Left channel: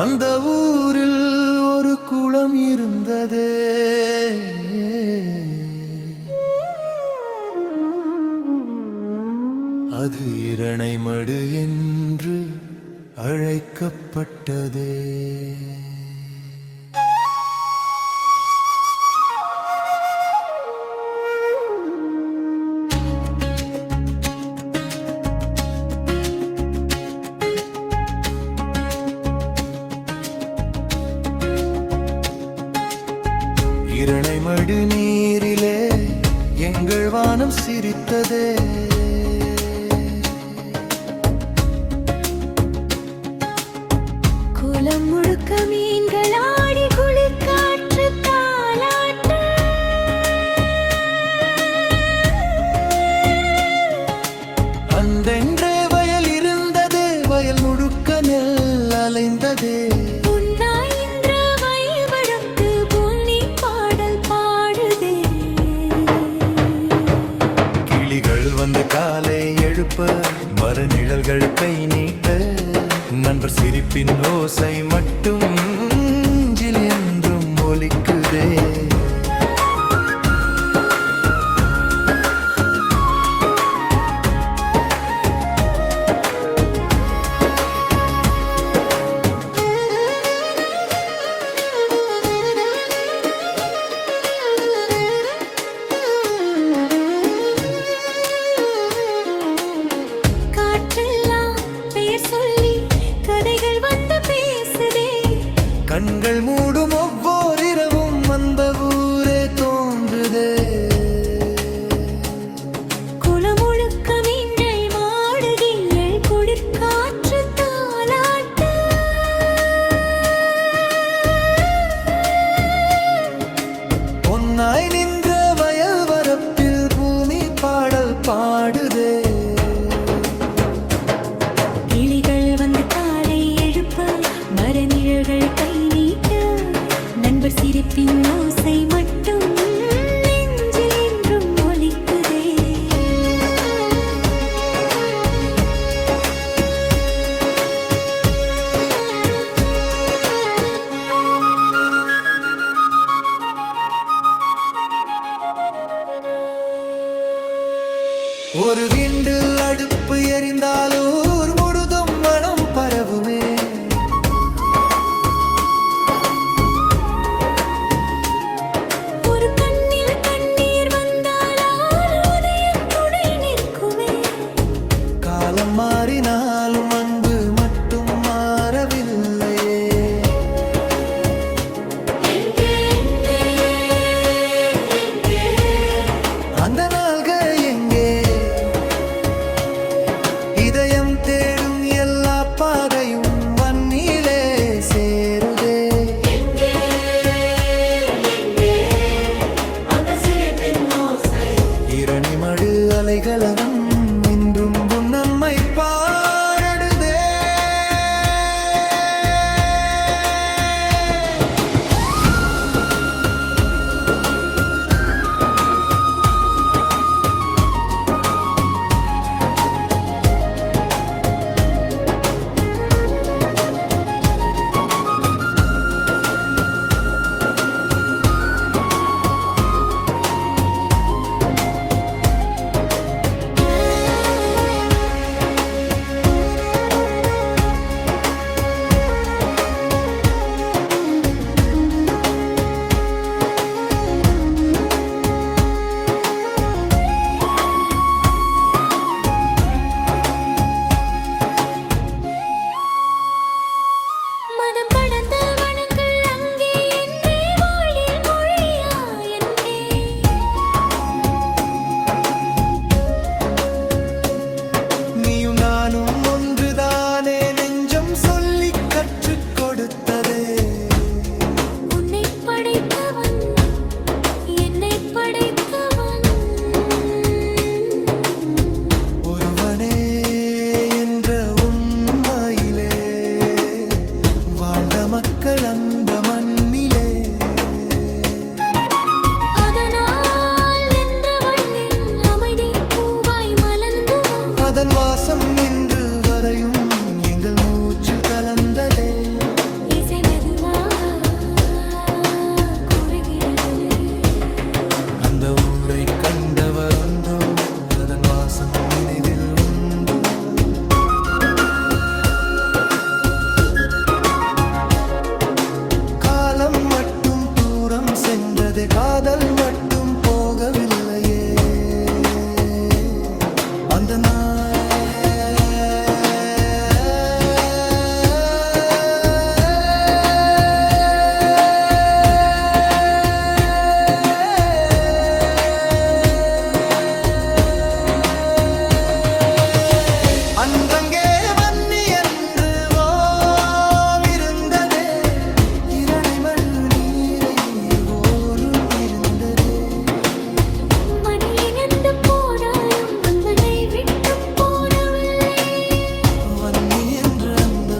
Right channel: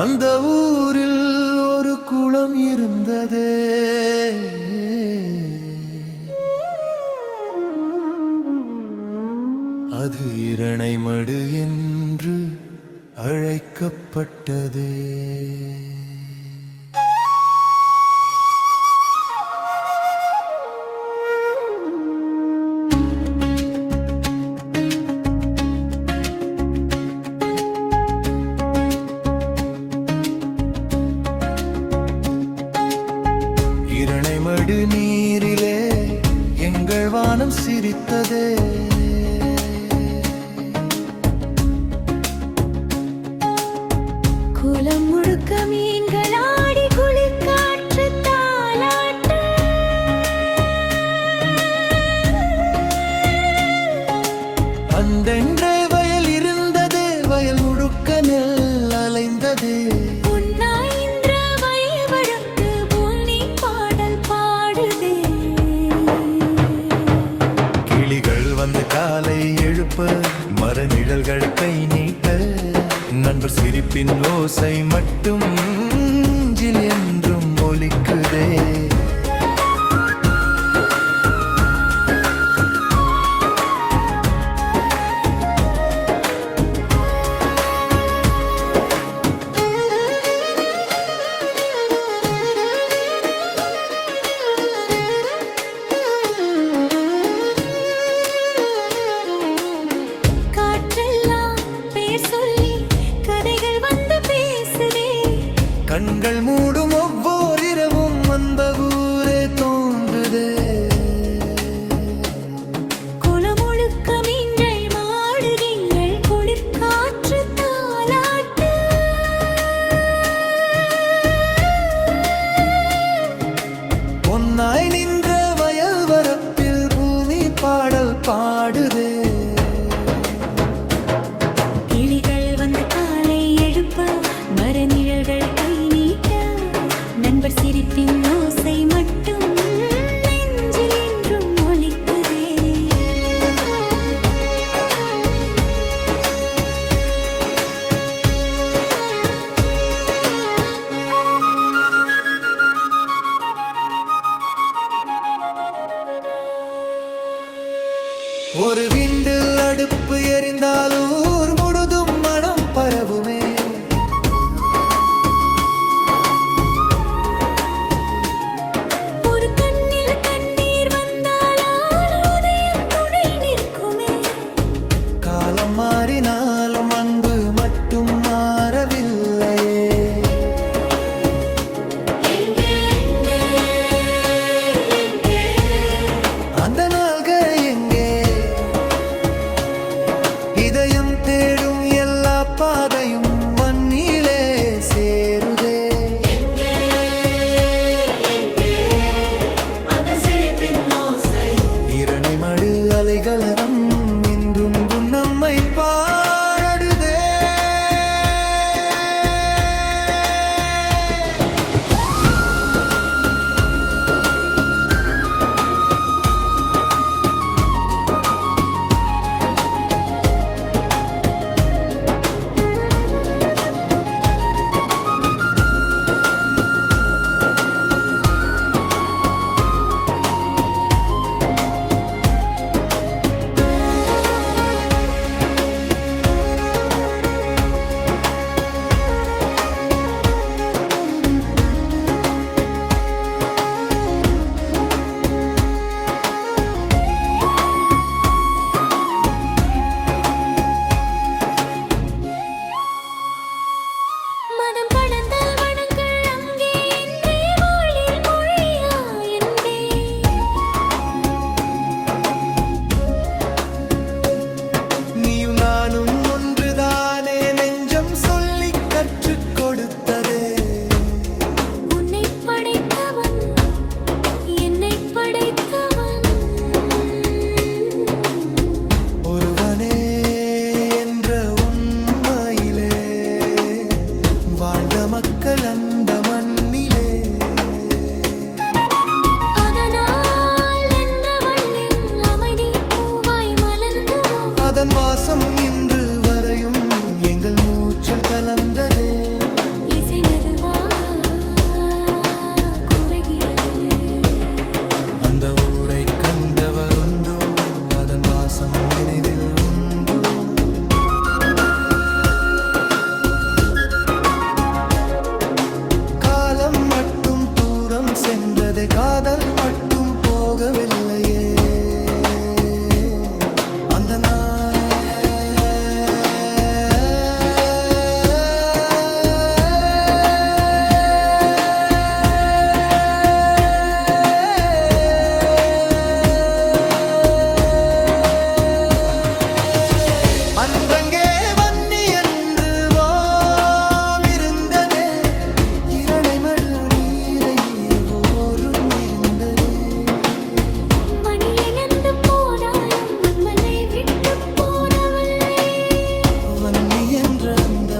அந்த ஊரில் ஒரு குளம் இருந்ததே. அது இரணைமடு என்று அழைக்கப்பட்டதே. இரணைமடு நீரிலே எங்கள் வானம் சிரித்ததே. குளம் முழுக்க மீன்கள் ஆடி குளிர் காற்று தாலாட்ட. அந்தென்றே வயல் இருந்ததே, வயல் முழுக்க நெல் அலைந்ததே. வந்து காலை எழுப்ப மர நிழல்கள் கை நீட்ட, நண்பர் சிரிப்பின் ஓசை மட்டும் நெஞ்சில் என்றும் ஒலிக்குதே. கண்கள் மூடும் ஒவ்வொரு இரவும் அந்த ஊரே தோன்றுதே. குளமுழுக்க மீன்கள் மாடுகிங்கள் குளிர் காற்று தாலாட்ட. பொன்னாய் நின்ற வயல் வரப்பில் பூமி பாடல் பாடுதே. கிளிகள் வந்து காலை எழுப்ப மர நிழல்கள் கை நீட்ட, நண்பர் சிரிப்பின் ஓசை மட்டும் நெஞ்சில் என்றும் ஒலிக்குதே. ஒரு விண்டில் அடுப்பு எரிந்தால் ஊர் முழுதும் மனம் பரவுமே. காலம் மாறினாலும் அன்பு மட்டும் மாறவில்லையே. அந்த நாள்கள் எங்கே? இதயம் தேடும் எல்லா பாதையும் வன்னிலே சேருதே. இரணைமடு அலைகளம் இன்றும் நம்மை பாடுதே. நீயும் நானும் ஒன்றுதானே நெஞ்சம் சொல்லி கற்றுக் கொடுத்ததே. உன்னை படைத்தவன் என்னை படைத்தவன் ஒருவனே என்ற உண்மையிலே வாழ்ந்த மக்கள் அந்த மண்ணிலே. அதன் வாசம் இன்று வரையும் எங்கள் மூச்சில் கலந்ததே. இசை மெதுவாக குறைகிறது. அந்த ஊரை கண்டவருண்டோ, அதன் வாசம் நினைவில் உண்டோ? காலம் மட்டும் தூரம் சென்றதே, காதல் மட்டும் போகவில்லையே. அந்த அன்றங்கே வன்னி என்று ஓம் இருந்ததே, இரணை மடு நீரை ஓரும் இருந்ததே. மணி இழந்து போராயும் மனை விட்டு போடவில்லை. வன்னி என்ற அந்த